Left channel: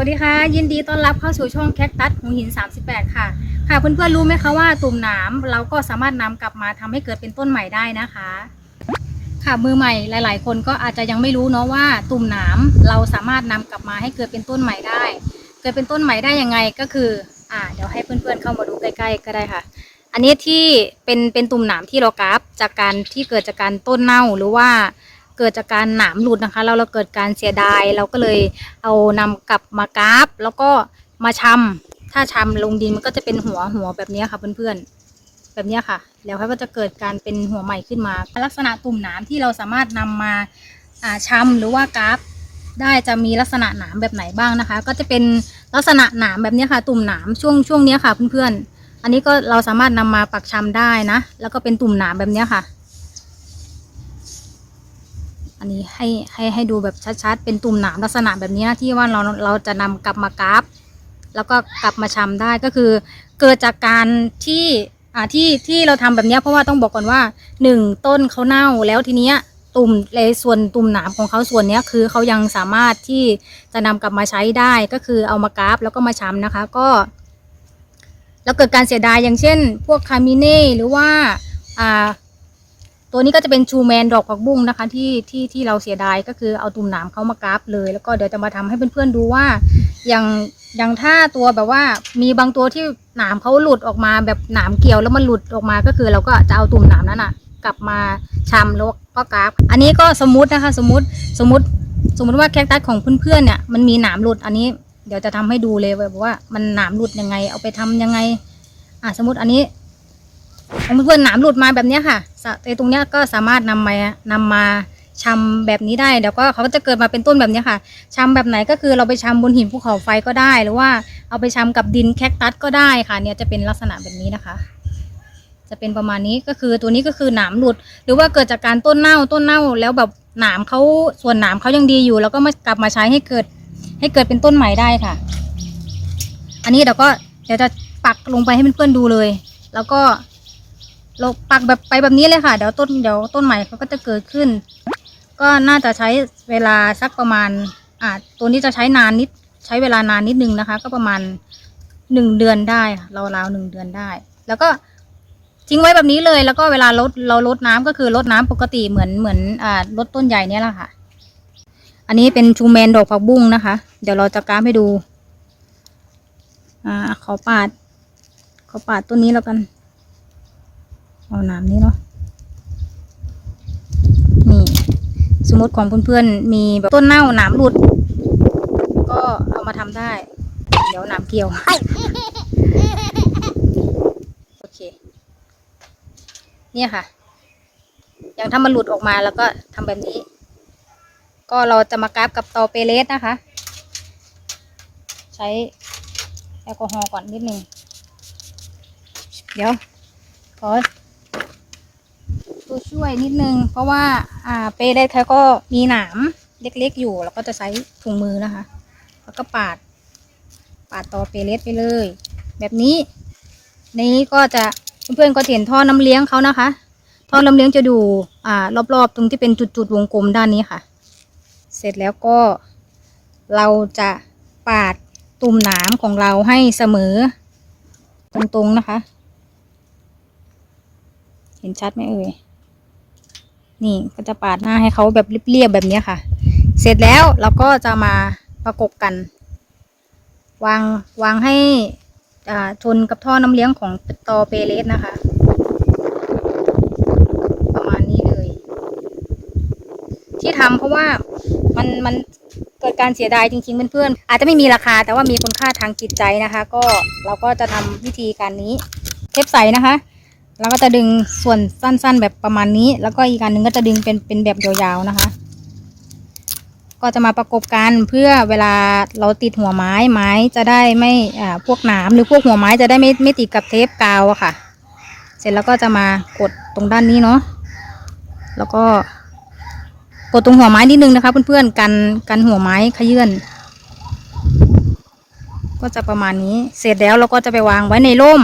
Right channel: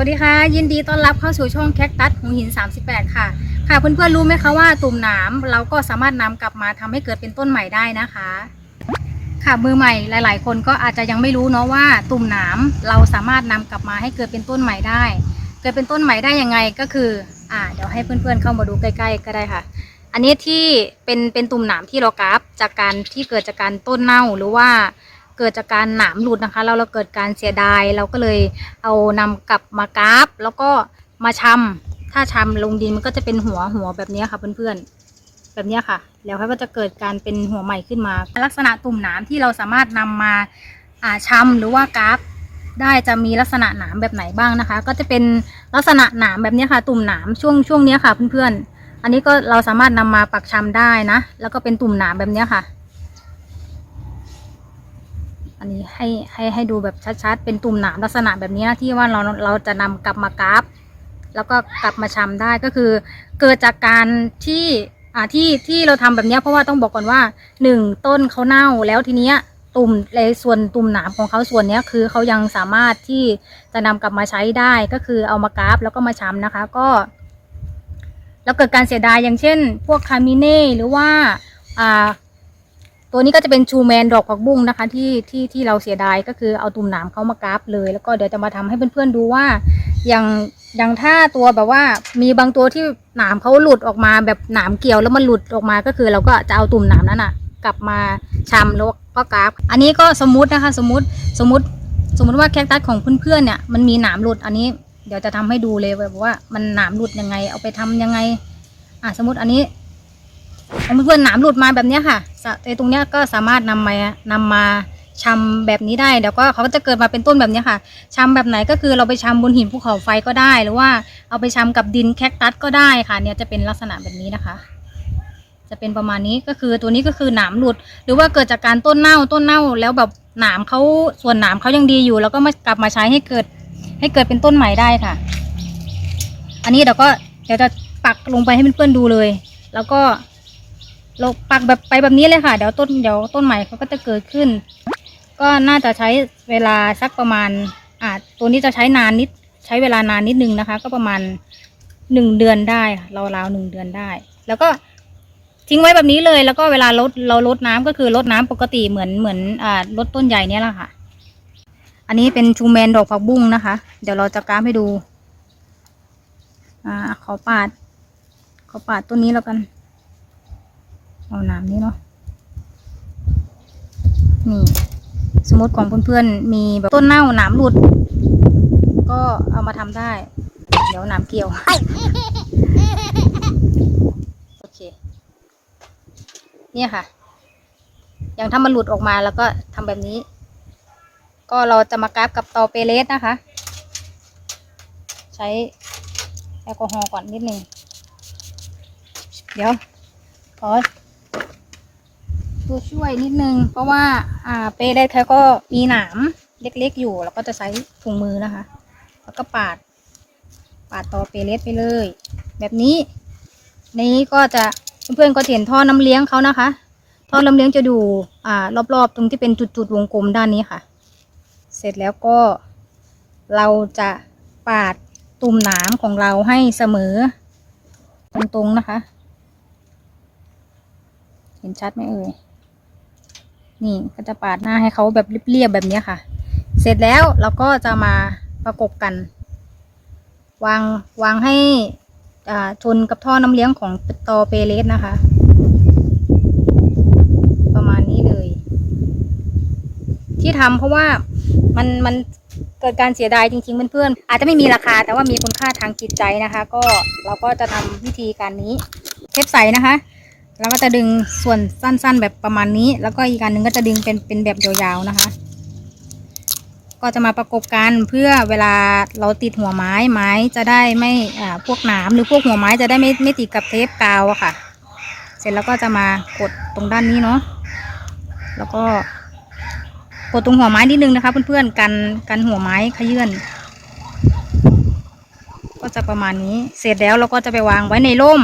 วัสดีค่ะ ยินดีต้อนรับเข้าสู่ช่องแคคตัสหูหิน 38 ค่ะ ค่ะเพื่อนๆรู้ไหมคะว่าตุ่มหนามเราก็สามารถนำกลับมาทำให้เกิดเป็นต้นใหม่ได้นะคะ ค่ะมือใหม่หลาย ๆ คนก็อาจจะยังไม่รู้เนาะว่าตุ่มหนามเราสามารถนำกลับมาให้เกิดเป็นต้นใหม่ได้ เกิดเป็นต้นใหม่ได้ยังไงก็คืออ่าเดี๋ยวให้เพื่อนๆเข้ามาดูใกล้ๆก็ได้ค่ะ อันนี้ที่เป็นเป็นตุ่มหนามที่เรากราฟจากการที่เกิดจากการต้นเน่าหรือว่า เกิดจากการหนามหลุดนะคะแล้วเราเกิดการเสียดายเราก็เลยเอานำกลับมากราฟ แล้วก็มาชำถ้าชำลงดินมันก็จะเป็นหัวหัวแบบนี้ค่ะเพื่อนๆแบบนี้ค่ะ แล้วเขาก็จะเกิดการเป็นหัวใหม่ขึ้นมา ลักษณะตุ่มหนามที่เราสามารถนำมาอ่าชำหรือว่ากราฟได้จะมีลักษณะหนามแบบไหนบ้างนะคะ ก็จะเป็นลักษณะหนามแบบนี้ค่ะ ตุ่มหนามช่วงช่วงนี้ค่ะเพื่อนๆอันนี้ก็เราสามารถนำมาปักชำได้นะ แล้วก็เป็นตุ่มหนามแบบนี้ค่ะ อันนี้ให้ให้ให้ดูแบบชัดๆ เป็นตุ่มหนามลักษณะแบบนี้นะที่ว่าเราเราจะนำกลับมากราฟแล้วก็กลับมาชำได้ก็คือ เกิดจากการที่อ่าที่ที่เราทำแบบนี้เพราะว่าต้องบอกก่อนว่าหนึ่งต้นเขาเน่าแล้วทีเนี้ยตุ่มในส่วนตุ่มหนามของเขาส่วนเนี้ยคือเขายังสามารถที่จะนำกลับมาใช้ได้ก็คือเอามากราฟแล้วก็มาชำนะคะ ก็ แล้วเกิดการเสียดายอย่างเช่น พวกคามิเน่หรือว่าอ่า ตัวนี้ก็จะเป็นชูแมนดอกผักบุ้งนะคะที่ที่ที่เราเสียดายก็คือเอาตุ่มหนามเขามากราฟเลย แล้วก็เดี๋ยวจะมาทำให้เพื่อนๆดูว่าอย่างอย่างถ้าตัวแบบว่ามีบางตัวที่หนามเขาหลุดออกมาแบบหนามเกี่ยวแล้วมันหลุดออกมาก็คือเราก็จะเอาตุ่มหนามนั้นอะ กลับมาชำแล้วก็กราฟ อันนี้ก็สมมุตินะคะ สมมติสมมติสมมติว่าแคคตัสของเพื่อนๆเนี่ยมันมีหนามหลุดอันนี้เดี๋ยวจะทำให้ดูเลยแบบว่ามันหนามหลุดยังไง เอาไปทำยังไงอะสมมติอันนี้ เพื่อนๆหนามหลุดมาแบบนี้ค่ะไอตรงเนี้ยก็สามารถนำมานำมาชำแบบนี้ได้เดี๋ยวก็เขาก็จะเกิดมาเป็นต้นแบบนี้ค่ะชำแบบไหนก็คือเราไปชำบนหินภูเขาไฟก็ได้ หรือว่าเอาไปชำกับดินแคคตัสก็ได้ค่ะ เนี่ยจะเป็นลักษณะแบบนี้นะคะ จะเป็นประมาณนี้ก็คือตัวนี้ก็คือหนามหลุด หรือว่าเกิดจากการต้นเน่าต้นเน่าแล้วแบบหนามเขาส่วนหนามเขายังดีอยู่ แล้วก็มากลับมาใช้ให้เกิดให้เกิดเป็นต้นใหม่ได้ค่ะ อันนี้เดี๋ยวก็เดี๋ยวจะปักลงไปให้เพื่อนๆดูเลย แล้วก็ เราปักแบบไปแบบนี้เลยค่ะ เดี๋ยวต้นเดี๋ยวต้นใหม่เขาก็จะเกิดขึ้น ก็น่าจะใช้เวลาสักประมาณอ่าตัวนี้จะใช้นานนิดใช้เวลานานนิดนึงนะคะ ก็ประมาณหนึ่งเดือนได้ค่ะราวหนึ่งเดือนได้ แล้วก็ทิ้งไว้แบบนี้เลยแล้วก็เวลาลดเราลดน้ำก็คือลดน้ำปกติเหมือนเหมือนอ่าลดต้นใหญ่เนี่ยแหละค่ะ อันนี้เป็นชูแมนดอกผักบุ้งนะคะ เดี๋ยวเราจะกราฟให้ดู อ่าขอปาด ขอปาดต้นนี้แล้วกัน เอาน้ำนี้เนาะนี่ สมมติของเพื่อนๆมีแบบต้นเน่าหนามหลุด ก็เอามาทำได้ เดี๋ยวหนามเกี่ยว โอเค เนี่ยค่ะ อย่างถ้ามันหลุดออกมาแล้วก็ทำแบบนี้ ก็เราจะมากราฟกับตอเปเลสนะคะ ใช้แอลกอฮอล์ก่อนนิดนึง เดี๋ยวขอ ตัวช่วยนิดนึง เพราะว่าอ่าเปได้เขาก็มีหนามเล็กๆอยู่เราก็จะใช้ถุงมือนะคะ แล้วก็ปาด ปาดต่อเปเลสไปเลย แบบนี้ นี้ก็จะเพื่อนๆก็เห็นท่อน้ำเลี้ยงเขานะคะ ท่อน้ำเลี้ยงจะดูอ่ารอบๆ ตรงที่เป็นจุดๆวงกลมด้านนี้ค่ะ เสร็จแล้วก็เราจะปาดตุ่มหนามของเราให้เสมอ ตรงๆนะคะ เห็นชัดไหมเอ่ย นี่ก็จะปาดหน้าให้เขาแบบเรียบๆแบบนี้ค่ะ เสร็จแล้วเราก็จะมาประกบกัน วางวางให้ชนกับท่อน้ำเลี้ยงของตอเปเลสนะคะ ประมาณนี้เลย ที่ทำเพราะว่ามันมันเกิดการเสียดายจริงๆเพื่อนๆอาจจะไม่มีราคาแต่ว่ามีคุณค่าทางจิตใจนะคะ ก็เราก็จะทำวิธีการนี้เทปใสนะคะ แล้วก็จะดึงส่วนสั้นๆ แบบประมาณนี้ แล้วก็อีกอันหนึ่งก็จะดึงเป็นเป็นแบบยาวๆนะคะ ก็จะมาประกบกันเพื่อเวลาเราติดหัวไม้ไม้จะได้ไม่อ่าพวกหนามหรือพวกหัวไม้จะได้ไม่ไม่ติดกับเทปกาวอะค่ะ เสร็จแล้วก็จะมากดตรงด้านนี้เนาะแล้วก็กดตรงหัวไม้นิดนึงนะคะเพื่อนๆกันกันหัวไม้ขยื่นก็จะประมาณนี้ เสร็จแล้วเราก็จะไปวางไว้ในร่ม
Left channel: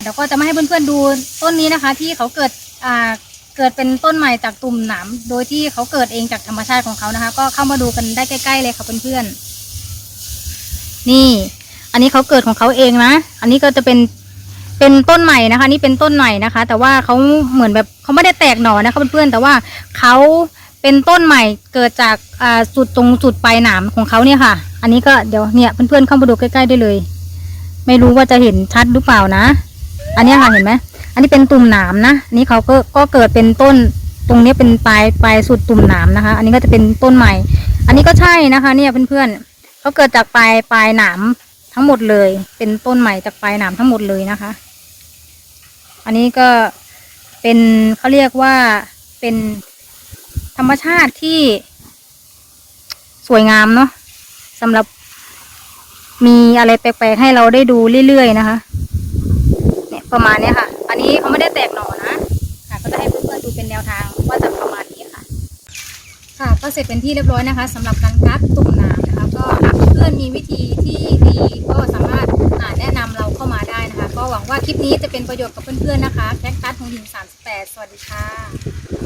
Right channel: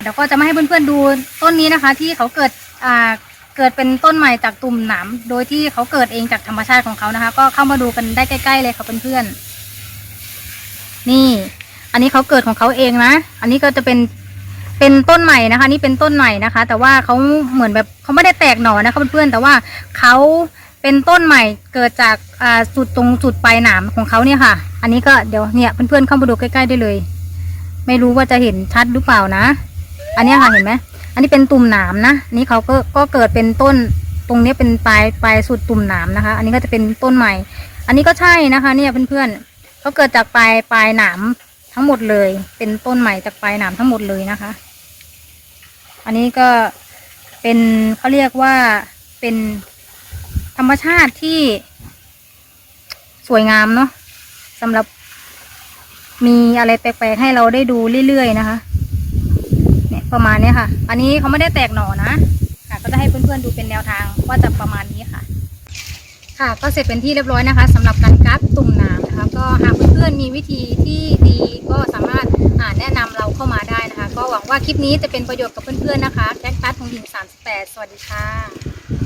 เดี๋ยวก็จะมาให้เพื่อนๆดูต้นนี้นะคะ ที่เขาเกิดอ่าเกิดเป็นต้นใหม่จากตุ่มหนามโดยที่เขาเกิดเองจากธรรมชาติของเขานะคะ ก็เข้ามาดูกันได้ใกล้ ๆ เลยค่ะเพื่อนๆนี่ อันนี้เขาเกิดของเขาเองนะอันนี้ก็จะเป็นเป็นต้นใหม่นะคะ นี่เป็นต้นใหม่นะคะ แต่ว่าเขาเหมือนแบบเขาไม่ได้แตกหน่อนะคะเพื่อนๆแต่ว่าเขาเป็นต้นใหม่เกิดจากอ่าจุดตรงจุดปลายหนามของเขาเนี่ยค่ะ อันนี้ก็เดี๋ยวเนี่ยเพื่อนๆเข้ามาดูใกล้ๆได้เลย ไม่รู้ว่าจะเห็นชัดหรือเปล่านะ อันนี้ค่ะเห็นไหมอันนี้เป็นตุ่มหนามนะนนี้เขาก็ก็เกิดเป็นต้นตรงนี้เป็นปลายปลายสุดตุ่มหนามนะคะ อันนี้ก็จะเป็นต้นใหม่ อันนี้ก็ใช่นะคะ เนี่ยเพื่อนๆเขาเกิดจากปลายปลายหนามทั้งหมดเลย เป็นต้นใหม่จากปลายหนามทั้งหมดเลยนะคะ อันนี้ก็เป็นเขาเรียกว่าเป็นธรรมชาติที่สวยงามเนาะสำหรับมีอะไรแปลกๆให้เราได้ดูเรื่อยๆนะคะ ประมาณนี้ค่ะ อันนี้เขาไม่ได้แตกหน่อนะค่ะ ก็จะให้เพื่อนๆดูเป็นแนวทางว่าจะประมาณนี้ค่ะ ค่ะก็เสร็จเป็นที่เรียบร้อยนะคะสำหรับการกัดตุ่มน้ำนะคะ ก็หากเพื่อนมีวิธีที่ดีก็สามารถาแนะนำเราเข้ามาได้นะคะ ก็หวังว่าคลิปนี้จะเป็นประโยชน์กับเพื่อนๆนะคะ แคคตัสหงหิน38 สวัสดีค่ะ